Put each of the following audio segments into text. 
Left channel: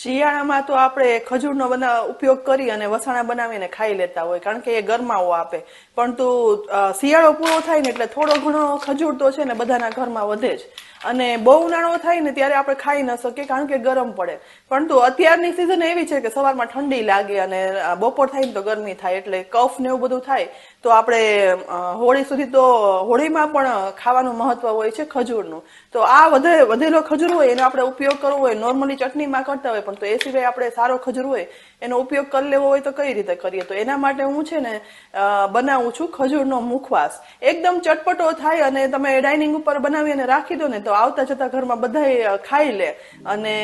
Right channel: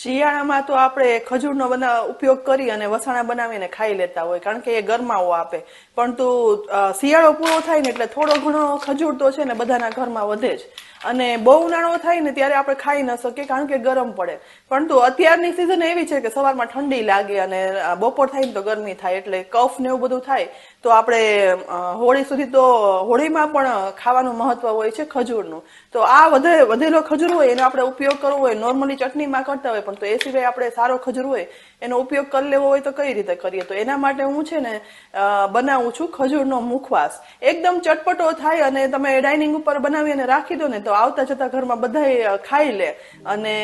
શિયાળામાં તો આપણે ખજૂરનો ઉપયોગ કરી અને વસાણા બનાવીને ખાઈ લેતા હોય, કારણ કે એ ગરમાવો આપે. પરંતુ શિયાળો પૂરો થાય ને એટલે થોડો ઘણો ખજૂર તો છે ને બધાના ઘરમાં વધે જ. અને બહુ ઉનાળો થાય ને ત્યારે આપણે ખાઈ ન શકીએ, કારણ કે ગરમ પડે. પરંતુ અત્યારની સિઝન એવી છે કે સવારમાં ઠંડી લાગે અને બપોર થાય ને તો ગરમી થાય, એટલે કફ ને એવું બધું થાય. તો આપણે હોળી સુધી તો હોળીમાં પણ ખાવાનું મહત્વ હોય છે ખજૂરનું. તો આ વધેલો ખજૂર હોય એનો આપણે ઉપયોગ કરવો હોય, નોર્મલી ચટણીમાં કરતા હોય, પણ તો એ સિવાય આપણે સારો ખજૂર હોય એનો ઉપયોગ કરી લેવો હોય તો કઈ રીતે કરીએ? તો એના માટે હું છે ને બનાવું છું ખજૂરનો મુખવાસ. એકદમ ચટપટો થાય અને તમે ડાઇનિંગ ઉપર બનાવી અને રાખી દો ને તો આવતા જતા ઘરમાં બધા ખાઈ લે. અને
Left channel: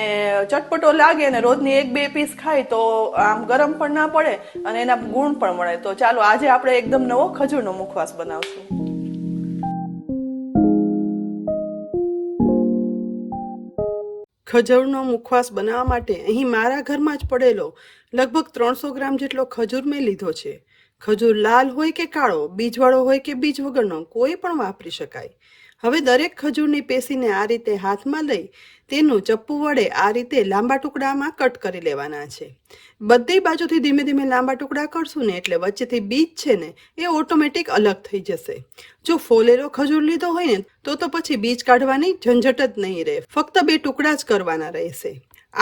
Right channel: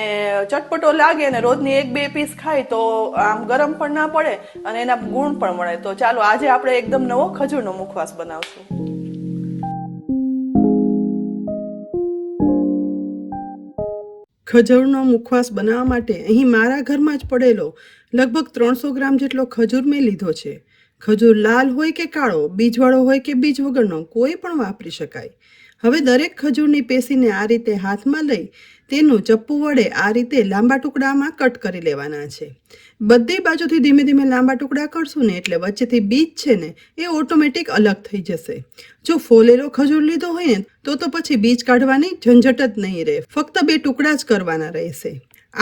ચટપટો લાગે ને રોજની 1-2 પીસ ખાય તો આમ ગરમ પણ ના પડે અને એના ગુણ પણ મળે. તો ચાલો આજે આપણે એકદમ નવો ખજૂરનો મુખવાસ બનાવશું. ખજૂરનો મુખવાસ બનાવવા માટે અહીં મારા ઘરમાં જ પડેલો લગભગ 300 ગ્રામ જેટલો ખજૂર મેં લીધો છે. ખજૂર લાલ હોય કે કાળો, બીજવાળો હોય કે બીજ વગરનો, કોઈ પણ વાપરી શકાય. હવે દરેક ખજૂરની પેશીને આ રીતે હાથમાં લઈ તેનું ચપ્પુ વડે આ રીતે લાંબા ટુકડામાં કટ કરી લેવાના છે. બધી બાજુથી ધીમે ધીમે લાંબા ટુકડા કરશું ને એટલે વચ્ચેથી બીજ છે ને એ ઓટોમેટિક અલગ થઈ જશે. જો ફોલેલો ખજૂર લીધો હોય ને તો પછી બીજ કાઢવાની ઝંઝટ જ નહીં રહે, ફક્ત 2 ટુકડા જ કરવાના રહેશે.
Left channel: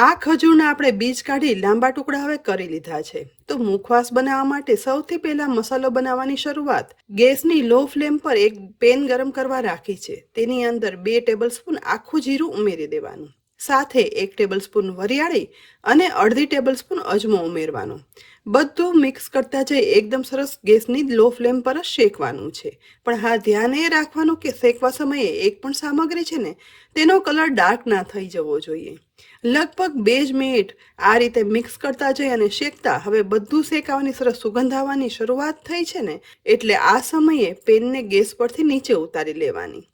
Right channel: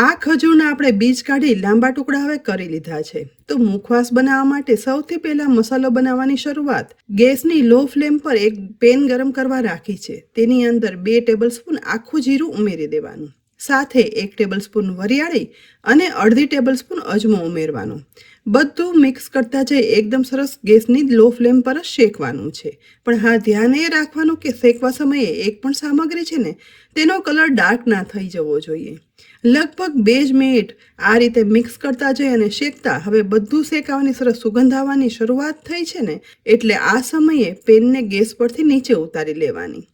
આ ખજૂરના આપણે બીજ કાઢી લાંબા ટુકડા હવે કરી લીધા છે. તો મુખવાસ બનાવવા માટે સૌથી પહેલા મસાલો બનાવવાની શરૂઆત. ગેસની લો ફ્લેમ પર એક પેન ગરમ કરવા રાખી છે. તેની અંદર 2 ટેબલસ્પૂન આખું જીરું ઉમેરી દેવાનું, સાથે 1 ટેબલસ્પૂન વરિયાળી અને અડધી ટેબલસ્પૂન અજમો ઉમેરવાનો. બધું મિક્સ કરતા જઈ એકદમ સરસ ગેસની લો ફ્લેમ પર જ શેકવાનું છે. પણ હા, ધ્યાન એ રાખવાનું કે શેકવા સમયે એક પણ સામગ્રી છે ને તેનો કલર ડાર્ક ના થઈ જવો જોઈએ. લગભગ 2 જ મિનિટ આ રીતે મિક્સ કરતા જઈ અને શેકતા હવે બધું શેકાવાની સરસ સુગંધ આવવાની શરૂઆત થઈ છે ને એટલે આ સમયે પેનને ગેસ પરથી નીચે ઉતારી લેવાની.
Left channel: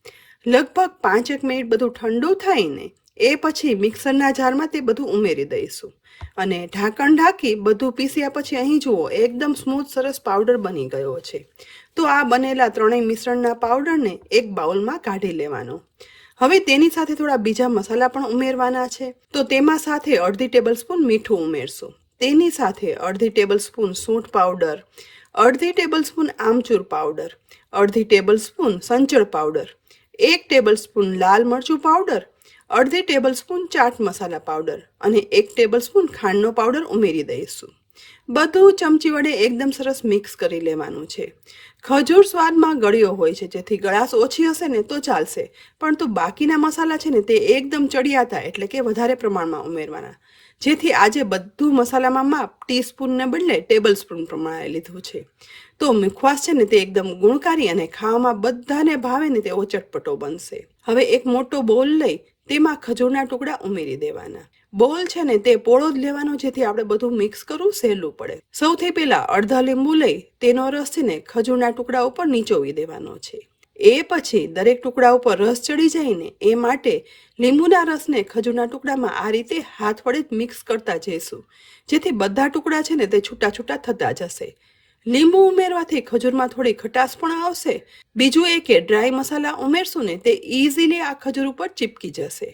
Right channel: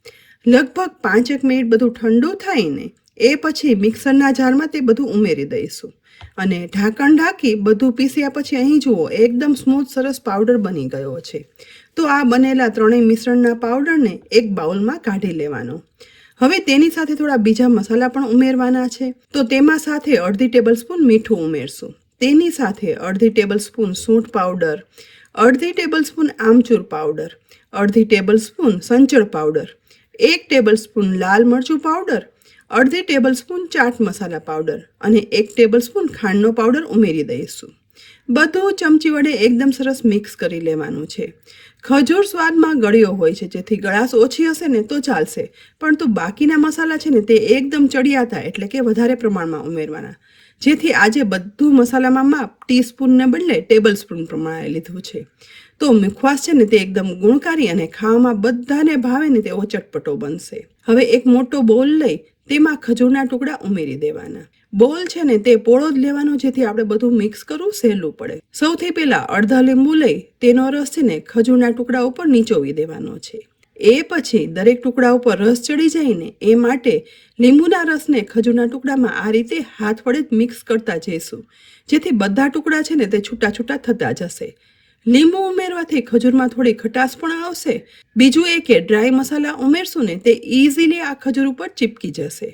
લગભગ 5 મિનિટ બધું ઠંડુ થાય ને એ પછી મિક્સરના જારમાં તે બધું ઉમેરી દઈશું અને ઢાંકણ ઢાંકી બધું પીસ્યા પછી અહીં જુઓ એકદમ સ્મૂથ સરસ પાવડર બની ગયો છે. તો આ બનેલા ત્રણેય મિશ્રણના પાવડરને એક બાઉલમાં કાઢી લેવાનો. હવે તેની સાથે થોડા બીજા મસાલા પણ ઉમેરવાના છે. તો તેમાં સાથે અડધી ટેબલસ્પૂન મીઠું ઉમેરશું, તેની સાથે અડધી ટેબલસ્પૂન સૂંઠ પાવડર, અડધી ટેબલસ્પૂન આમચૂર પાવડર, અડધી ટેબલસ્પૂન સંચળ પાવડર, 1 ટેબલસ્પૂન લાલ મરચું પાવડર, અડધી ટેબલસ્પૂન ચાટ મસાલા પાવડર અને 1 ટેબલસ્પૂન ખાંડનો પાવડર ઉમેરી દઈશું. બધું ચમચી વડે એકદમ સરસ મિક્સ કરી લેવાનું છે. ખજૂર સ્વાદમાં ગળ્યો હોય છે, જેથી ગળાશ ઓછી હશે ને તો ચાલશે, પણ તો બાકીના મસાલા છે ને તે એકદમ ચડિયાતા એટલે કે વધારે પ્રમાણમાં ઉમેરવાના. જેથી આજે બધું મસાલામાં માપ ટીસ્પૂનને બદલે ટેબલસ્પૂન પ્રમાણે લીધું છે. તો મુખવાસ છે ને તે એકદમ ગુણકારી અને ખાવામાં બધાને ભાવે ને તેવો ચટપટો બનશે. હવે એક મોટો બોલ લઈ તેમાં ખજૂરના ટુકડા ઉમેરી દેવાના. બોલ છે ને તે પોળો જ લેવાનો, જેથી આપણે બધું મિક્સ કરવું સહેલું પડે. સૌથી પહેલા અડધા લીંબુ લઈ તેનો રસ છે ને ખજૂરના ટુકડા ઉપર નીચોવી દેવાનો છે. એ પછી દરેક ટુકડા ઉપર રસ ચડી જાય ને એ માટે લીંબુના રસને ખજૂરના ટુકડામાં આ રીતે હાથ વડે જ મિક્સ કરતા જઈશું, જેથી બધા ટુકડા છે ને તે છૂટા છૂટા થતા જશે. લીંબુ ઉમેરવાથી ખજૂરમાં થોડી ખટાશ પણ આવશે. બીજું એ કે ડ્રાય મસાલા ઉમેરશું ને તે ઇઝીલી આ ખજૂર ઉપર ચીપકી જશે.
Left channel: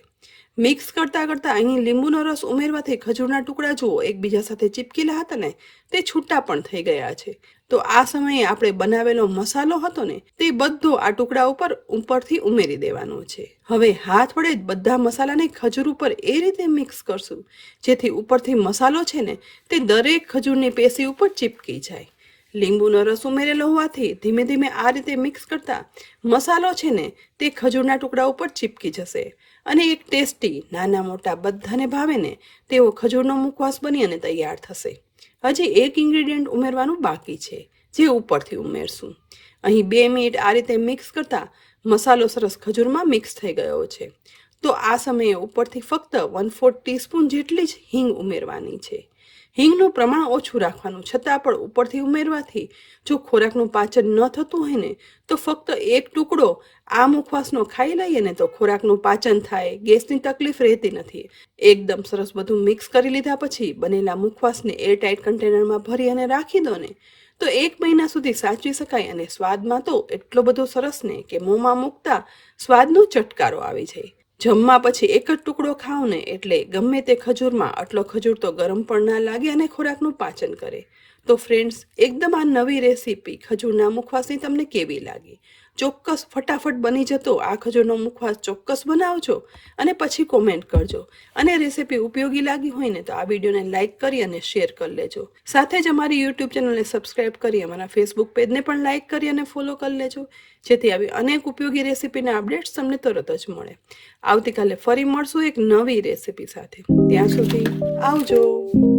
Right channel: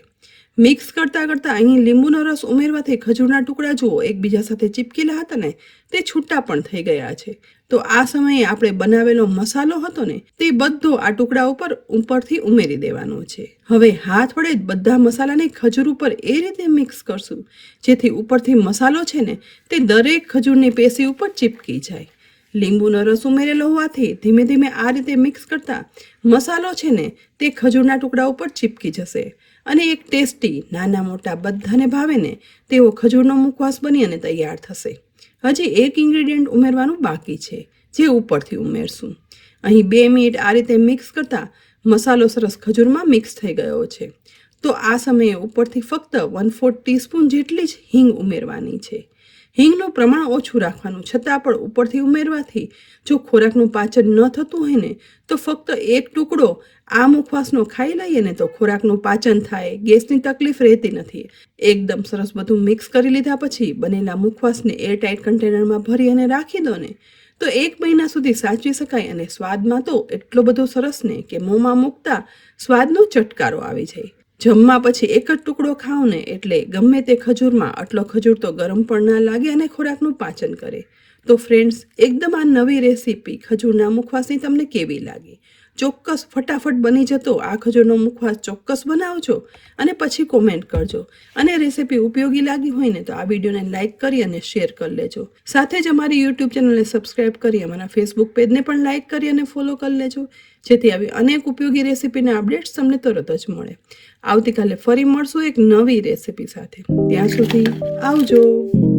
મિક્સ કરતાં કરતાં અહીં લીંબુનો રસ ઉમેરવાથી ખજૂરના ટુકડા જુઓ એકબીજા સાથે ચીપકેલા હતા ને તે છૂટા પણ થઈ ગયા છે. તો આ સમયે આપણે બનાવેલો મસાલો હતો ને તે બધો આ ટુકડા ઉપરથી ઉમેરી દેવાનો છે. હવે હાથ વડે જ બધા મસાલાને ખજૂર ઉપર એ રીતે મિક્સ કરશું જેથી ઉપરથી મસાલો છે ને તે દરેક ખજૂરની પેશી ઉપર ચીપકી જાય. લીંબુનો રસ ઉમેરેલો હોવાથી ધીમે ધીમે આ રીતે મિક્સ કરતા મસાલો છે ને તે ખજૂરના ટુકડા ઉપર ચીપકી જશે અને એક ટેસ્ટી નાના મોટા બધાને ભાવે ને તેવો ખજૂરનો મુખવાસ બની અને તૈયાર થશે. હજી એક ઇન્ગ્રેડિયન્ટ ઉમેરવાનું બાકી છે, જે ઉપરથી ઉમેરશું. અહીં 2 મિનિટ આ રીતે મિક્સ કરતા મસાલો સરસ ખજૂરમાં મિક્સ થઈ ગયો છે. તો આ સમયે ઉપરથી ફક્ત 1/4 ટીસ્પૂન જેટલી જ હિંગ ઉમેરવાની છે. હિંગનું પ્રમાણ ઓછું રાખવાનું, છતાં પણ ઉપરથી ઉમેરવાથી જો ખોરાકનું પાચન ન થતું હોય ને તો ફક્ત 1 ટુકડો આ મુખવાસનો ખાઈ લઈએ ને તો ખોરાકનું પાચન થાય, ગેસની તકલીફ રહેતી નથી. એકદમ સરસ બધું મિક્સ કરી લીધા પછી બનેલા મુખવાસને એરટાઇટ કન્ટેનરમાં ભરી અને રાખી દો ને તો 1 મહિના સુધી સાચવી શકાય અને સ્વાદમાં તો એટલો બધો સરસ ને કે મોંમાં મૂકતા સ્વાદનો ચટકારો આવી જાય. જમવા પછી એક જ ટુકડો ખાઓ ને એટલે ગમે તે ખજૂરમાં આટલો ખજૂર તો ગરમ પણ ના લાગે અને ખોરાકનું પાચન કરે. તો ફ્રેન્ડ્સ, એકદમ આ નવી રેસીપી ખજૂરના મુખવાસની તમને કેવી લાગી? ચોક્કસ ફટાફટ બની જતો આ ખજૂરનો મુખવાસ ચોક્કસ બનાવજો અને પછી કોમેન્ટ કરજો. અને રેસીપી ઉપયોગી લાગી હોય ને તો આ વિડીયોને લાઇક કરી અને શેર કરી લેજો. સાથે જ અમારી યુટ્યુબ ચેનલને સબસ્ક્રાઇબ કરી અમારા ફેસબુક પેજને પણ લાઇક કરી અને ફોલો કરી લેજો, જેથી આવી અનેક ઉપયોગી રેસીપીના અપડેટ્સ તમને તરત જ મળે. આવતીકાલે ફરી મળશું એક નવી રેસીપી સાથે. ત્યાં સુધી આવજો.